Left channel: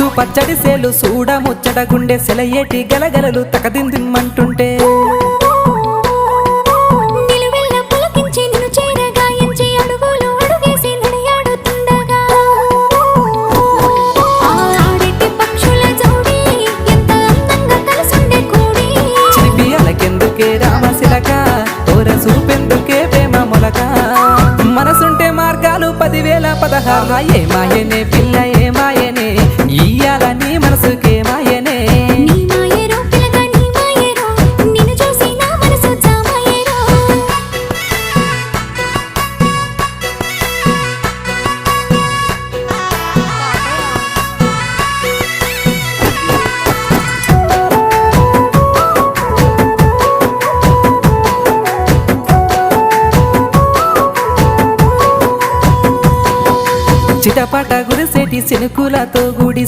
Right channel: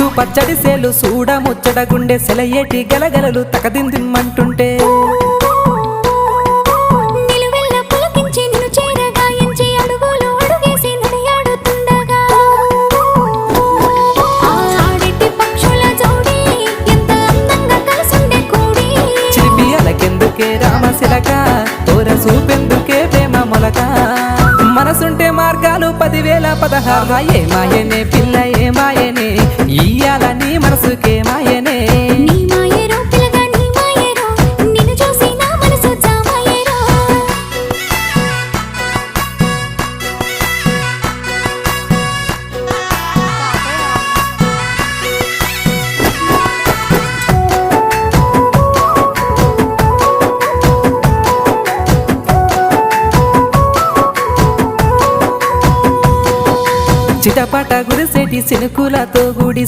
చుట్టూ పచ్చడి సేలు సూడ ముచ్చట గుండె సెలయేటి గలగలలు తకదిందిమ్మంటుంటే నిలువెల్ల పులకించి నిన్ను చేరగాయించి అడుగులు అడుగేసి నడియాడుతుండగా ఆడేటి పక్షుల జోడి ఎంత అందంగా కలుసుండే కూడి చిలిపి అలకెందుకే రామశిలక తోర సూపెందుకే ప్రేమ మొలక మనసుంటే మార్గాలు 10,016 ఏ మాయనే పిల్ల ఏ మాయనే ఇయ్యాల నీ మనసుకే మాయనే నీ మాయేరో పిల్లగా నీ మాయేరో నిన్ను చూసి నా మనసు జామాయేరో చిటపట గురిసేటి సినుకులతో గుడి